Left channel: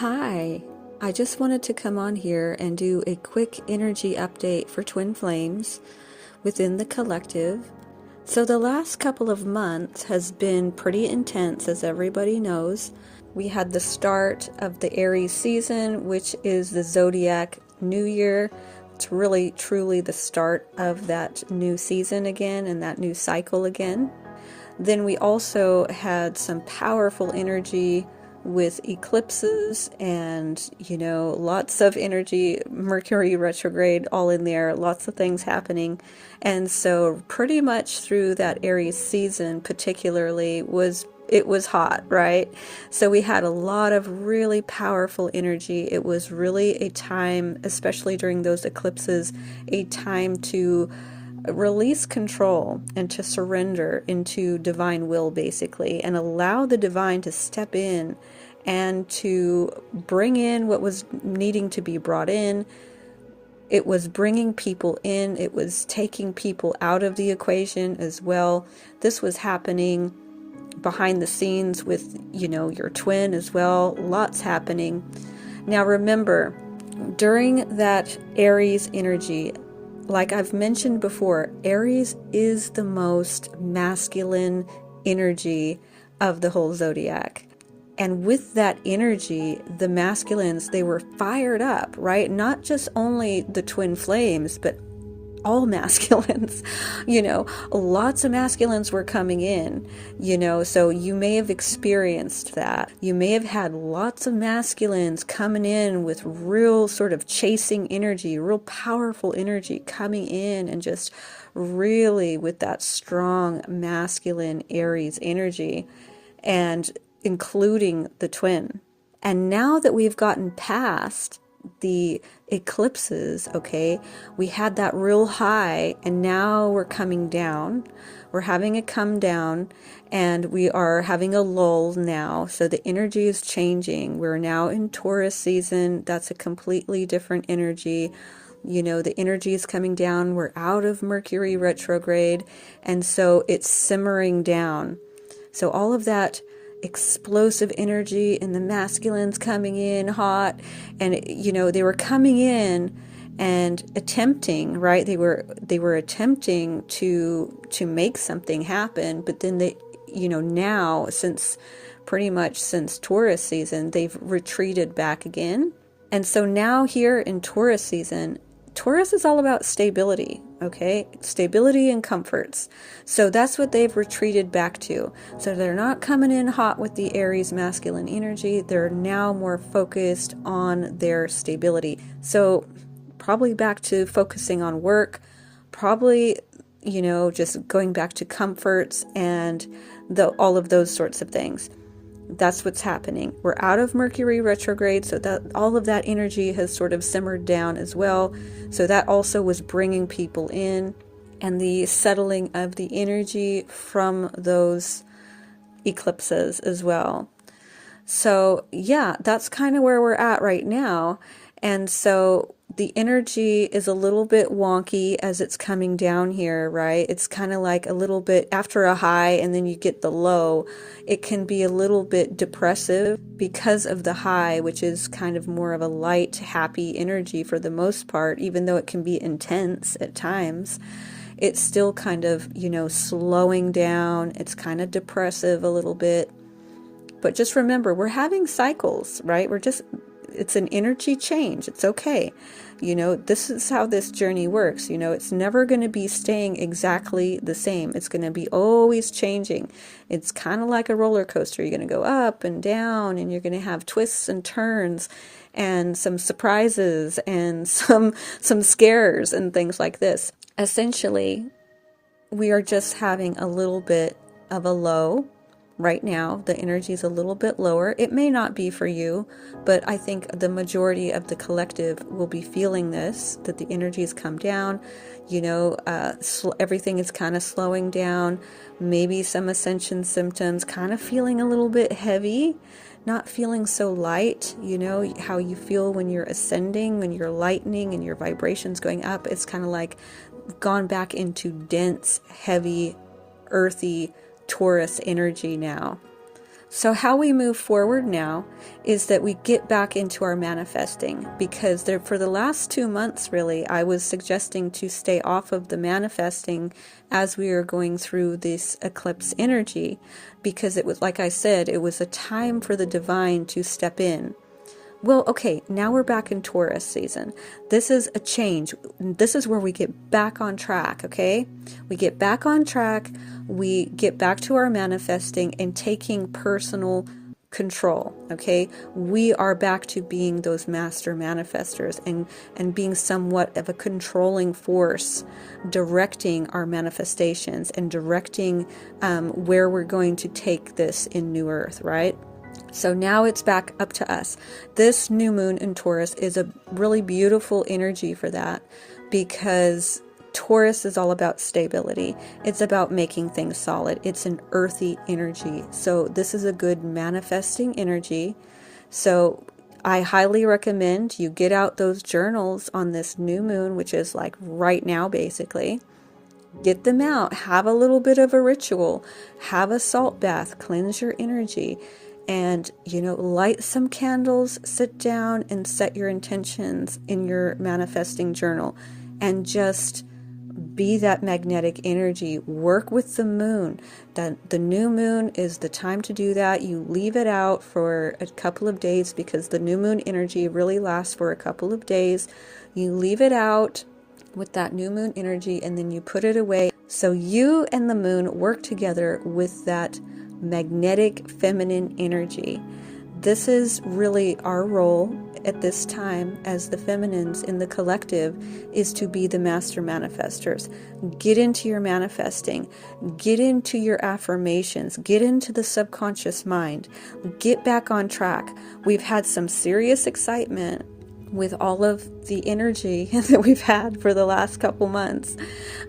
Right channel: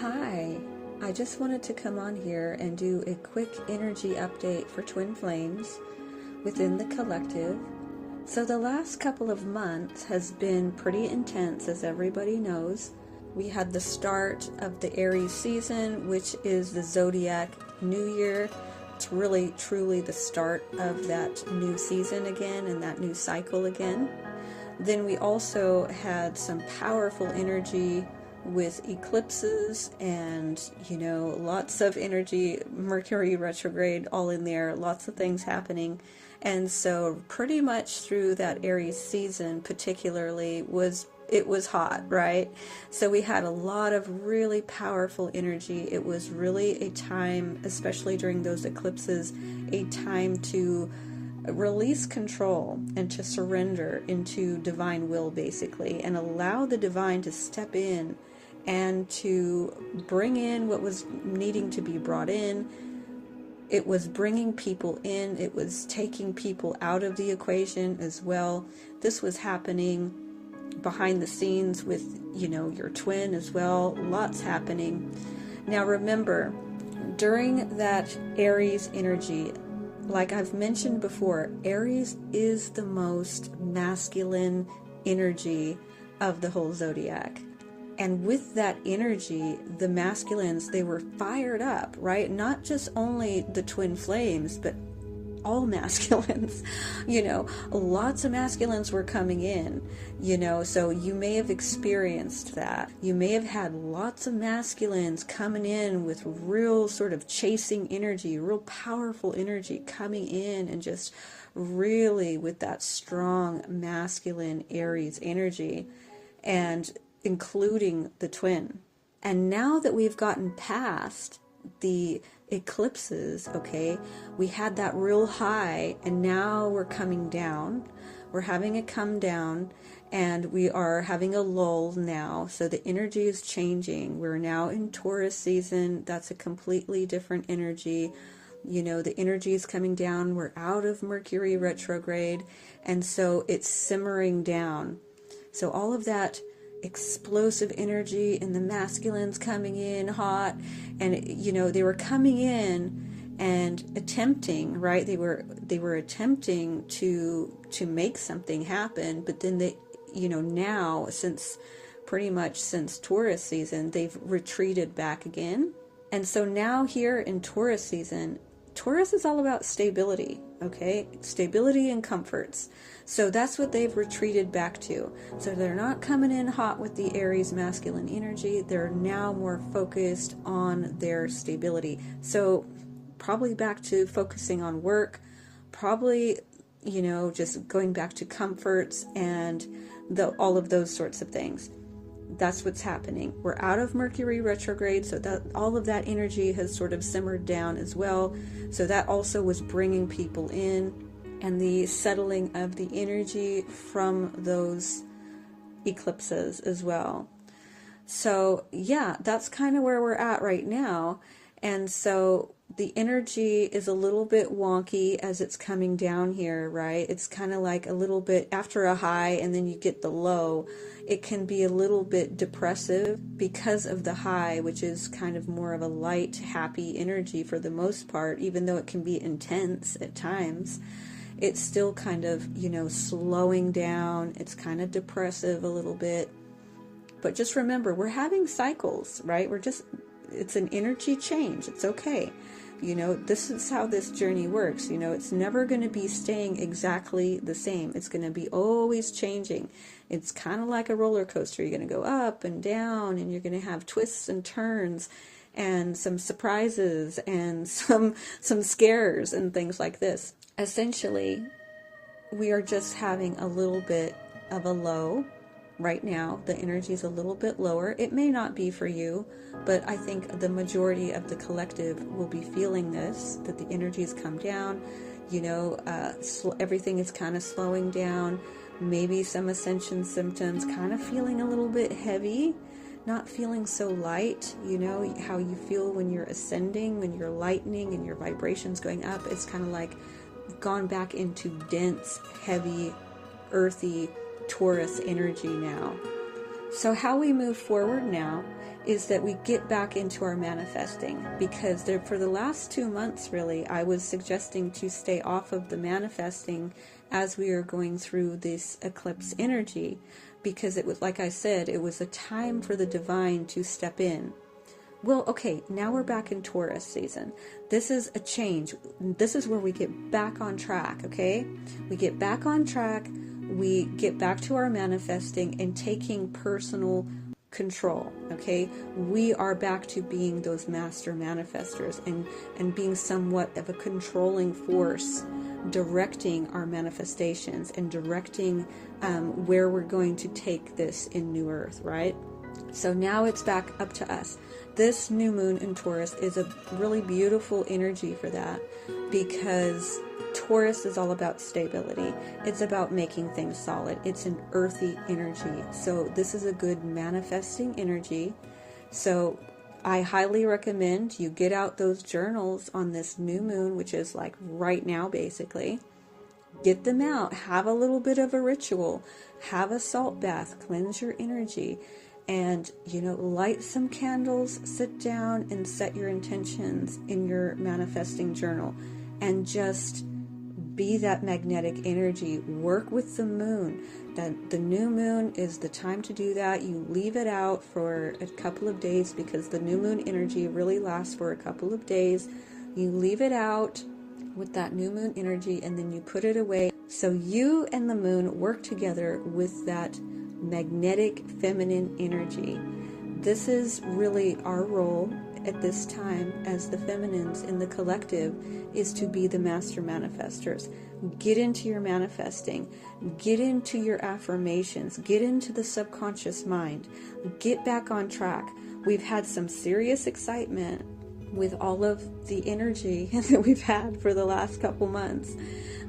Hi, I just wanted to come on here and do a quick energy update for Twin Flames within the collective. So the last couple of months has been pretty intense, as everybody knows. We had the start of the Aries season, which is the zodiac new year. It's really truly the start of that new season again and that new cycle again. Then we also had some powerful energy with eclipses and, lots of energy, Mercury retrograde all in there, lots of things happening. And so pretty much through that Aries season particularly it was hot, right? So we had a lot of really powerful energy. It was really a time, especially during those eclipses, a time to release control and to surrender into divine will, basically, and allow the divine to step in and to bring in what was needing to be brought in. It was bringing people in. It was taking people out of the equation as well. This was happening behind the scenes with, your twin as well. Lots happening. Now remember, during that Aries energy, like I've mentioned before, Aries is the most masculine energy of the whole zodiac. And with that energy, the masculines, they were fired up, right? Not just only the twin flames, but all masculines, lots of masculines were coming in, so you may have experienced that. You may have had lots of masculines coming in with real sort of chasing energy, real powerful energy coming in, and just really with that strong masculine Aries energy, and including the twin. And now that we've gotten past the eclipses, okay, we had that real high, and now we're coming down. We're having a come down, and we are having a lull now. So the energy is changing. We're now in Taurus season. That's a completely different energy. The energy is coming down. We're out of Mercury retrograde, and so it's simmering down. So all of that explosive energy and the masculines coming in hot, and they were coming in and attempting, right, they were attempting to make something happen, but then they, now, pretty much since Taurus season, they've retreated back again. And so now here in Taurus season, Taurus is all about stability, okay? Stability and comforts. So that's what they've retreated back to. So they're not coming in hot with the Aries masculine energy. They're now more focused on their stability. So probably back to focusing on work, probably, just going back to comforts and all of those sorts of things. That's what's happening. We're out of Mercury retrograde, so that all of that energy has sort of simmered down as well. So that also was bringing people in, and the settling of the energy from those eclipses as well. So yeah, that's kind of where we're at right now. And so the energy is a little bit wonky as it's coming down here, right? It's kind of like a little bit after a high and then you get the low. It can be a little bit depressive because of the high, which is kind of more of a light, happy energy for the most part, even though it can be intense at times. It's still kind of, slowing down. It's kind of depressive a little bit. But just remember, we're having cycles, right? It's an energy change. It's okay. This is how this journey works. It's never going to be staying exactly the same. It's going to be always changing. It's kind of like a roller coaster. You're going to go up and down, and you're going to have twists and turns and some surprises and some scares and things like this. Essentially, we are just having a little bit of a low. Right now, the energy is a little bit lower. It may not be for you, but I think the majority of the collective will be feeling this, that the energy has come down. Everything is kind of slowing down. Maybe some ascension symptoms, kind of feeling a little bit heavy, not feeling so light. How you feel when you're ascending, when you're lightening and your vibrations going up. It's kind of like gone back into dense, heavy, earthy Taurus energy now. So how we move forward now is that we get back into our manifesting, because for the last 2 months, really, I was suggesting to stay off of the manifesting as we are going through this eclipse energy, because it was, like I said, it was a time for the divine to step in. Well, okay, now we're back in Taurus season. This is a change. This is where we get back on track, okay? We get back on track. We get back to our manifesting and taking personal control, okay? We are back to being those master manifestors and being somewhat of a controlling force, directing our manifestations and directing where we're going to take this in New Earth, right? So now it's back up to us. This new moon in Taurus is a really beautiful energy for that, because Taurus is all about stability. It's about making things solid. It's an earthy energy. So this is a good manifesting energy. So I highly recommend you get out those journals on this new moon, which is like right now, basically. Get them out. Have a little bit of a ritual. Have a salt bath. Cleanse your energy. And, light some candles, sit down and set your intentions in your manifesting journal, and just be that magnetic energy. Work with the moon. The new moon is the time to do that. You leave it out for a couple of days, because the new moon energy really lasts for a couple of days. You leave it out with that new moon energy, and then you put it away. So you and the moon work together with that magnetic feminine energy. This is really our role at this time as the feminines in the collective, is to be the master manifestors. Get into your manifesting, get into your affirmations, get into the subconscious mind, get back on track. We've had some serious excitement with all of the energy that we've had for the last couple months.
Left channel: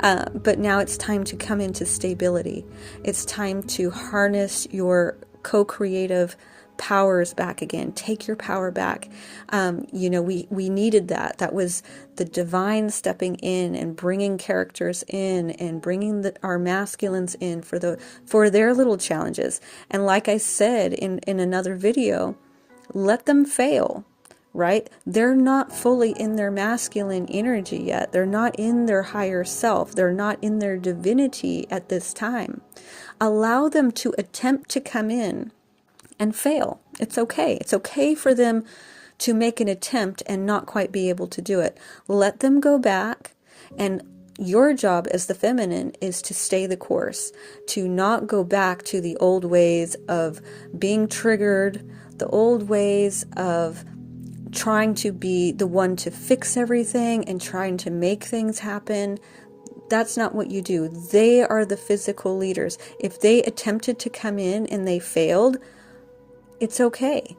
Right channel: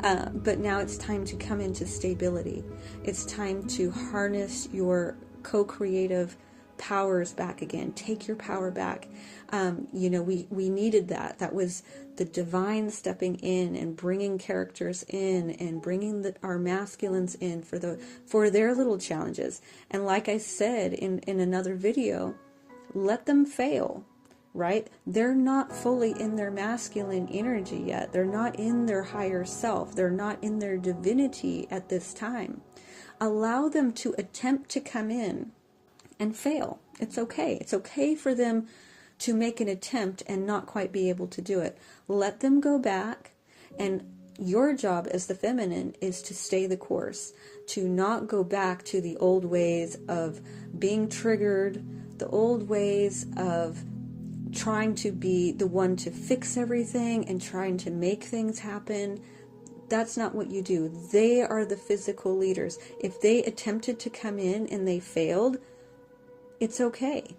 But now it's time to come into stability. It's time to harness your co-creative powers back again. Take your power back. We needed that. That was the divine stepping in and bringing characters in and bringing our masculines in for their little challenges. And like I said in another video, let them fail. Right? They're not fully in their masculine energy yet. They're not in their higher self. They're not in their divinity at this time. Allow them to attempt to come in and fail. It's okay. It's okay for them to make an attempt and not quite be able to do it. Let them go back, and your job as the feminine is to stay the course, to not go back to the old ways of being triggered, the old ways of trying to be the one to fix everything and trying to make things happen. That's not what you do. They are the physical leaders. If they attempted to come in and they failed, it's okay.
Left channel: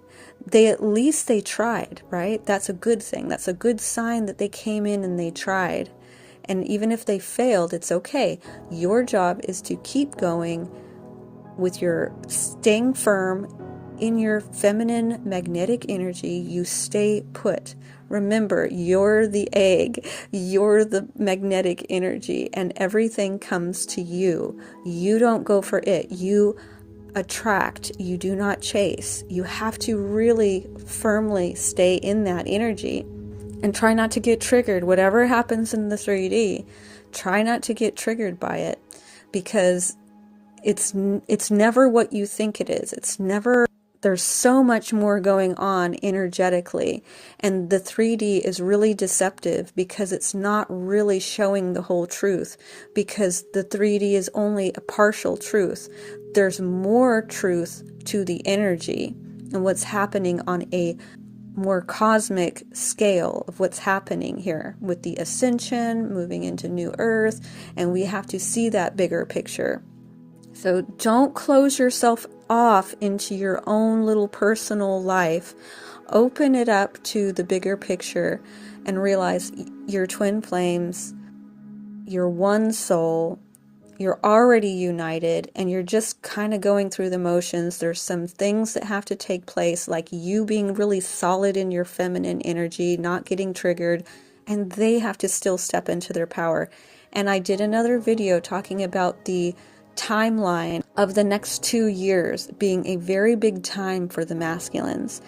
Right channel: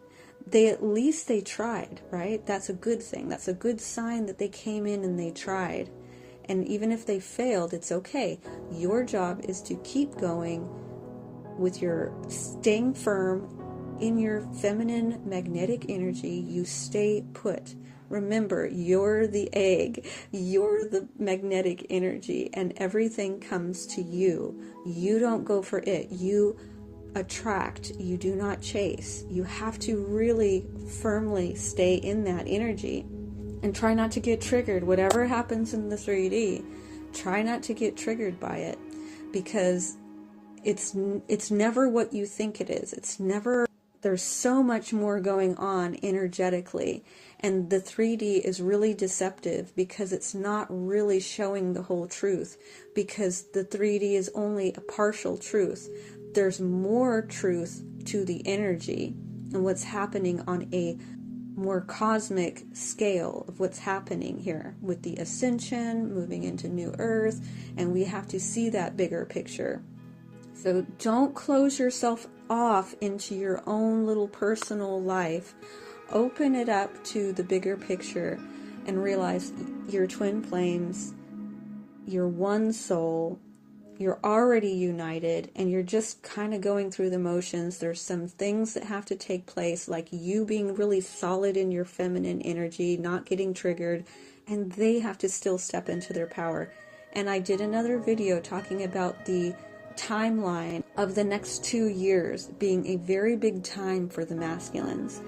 At least they tried, right? That's a good thing. That's a good sign that they came in and they tried. And even if they failed, it's okay. Your job is to keep going with your staying firm in your feminine magnetic energy. You stay put. Remember, you're the egg, you're the magnetic energy, and everything comes to you. You don't go for it. You attract, you do not chase. You have to really firmly stay in that energy and try not to get triggered. Whatever happens in the 3D, try not to get triggered by it, because it's never what you think it is. It's never. There's so much more going on energetically, and the 3D is really deceptive because it's not really showing the whole truth, because the 3D is only a partial truth. There's more truth to the energy and what's happening on a more cosmic scale of what's happening here with the ascension, moving into New Earth, and we have to see that bigger picture. So don't close yourself off into your own little personal life. Open it up to the bigger picture and realize you're twin flames, you're one soul, you're already united, and you're just kind of going through the motions. There's some things that have to take place, like you being really solid in your feminine energy, not getting triggered, and they have to still step into their power. And I did another video talking about the timeline of the next 2 years being a very big time for the masculines.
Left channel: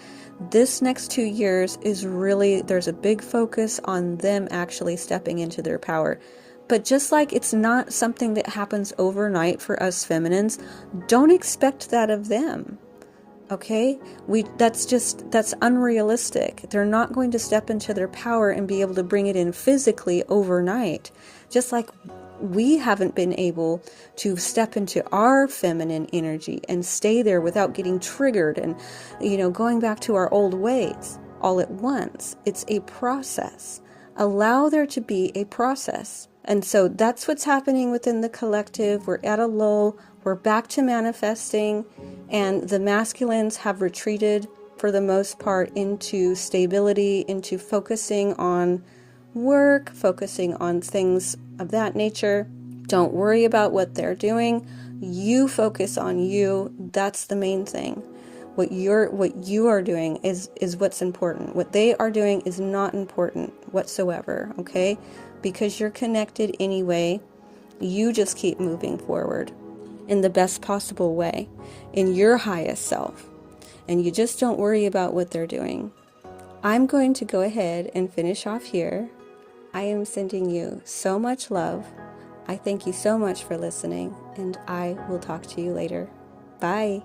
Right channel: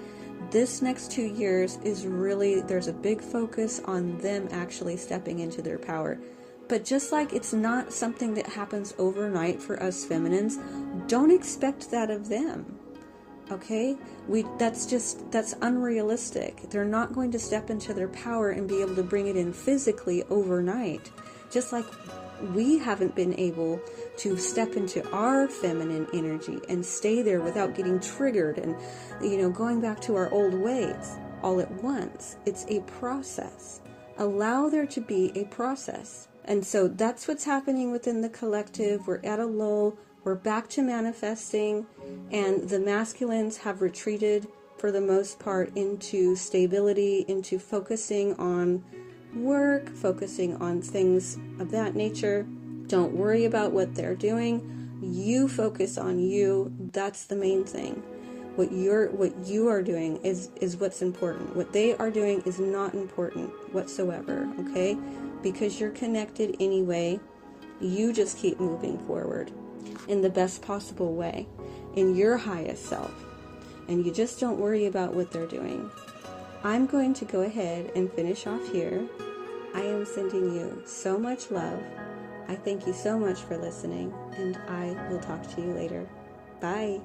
This next 2 years is really, there's a big focus on them actually stepping into their power. But just like it's not something that happens overnight for us feminines, don't expect that of them. Okay? That's unrealistic. They're not going to step into their power and be able to bring it in physically overnight. Just like we haven't been able to step into our feminine energy and stay there without getting triggered and, going back to our old ways all at once. It's a process. Allow there to be a process. And so that's what's happening within the collective. We're at a low. We're back to manifesting. And the masculines have retreated for the most part into stability, into focusing on work, focusing on things of that nature. Don't worry about what they're doing. You focus on you. That's the main thing. What you are doing is what's important. What they are doing is not important whatsoever, okay? Because you're connected anyway. You just keep moving forward in the best possible way, in your highest self. And you just don't worry about what they're doing. I'm going to go ahead and finish off here. I am sending you so much love. I thank you so much for listening, and I will talk to you later. Bye.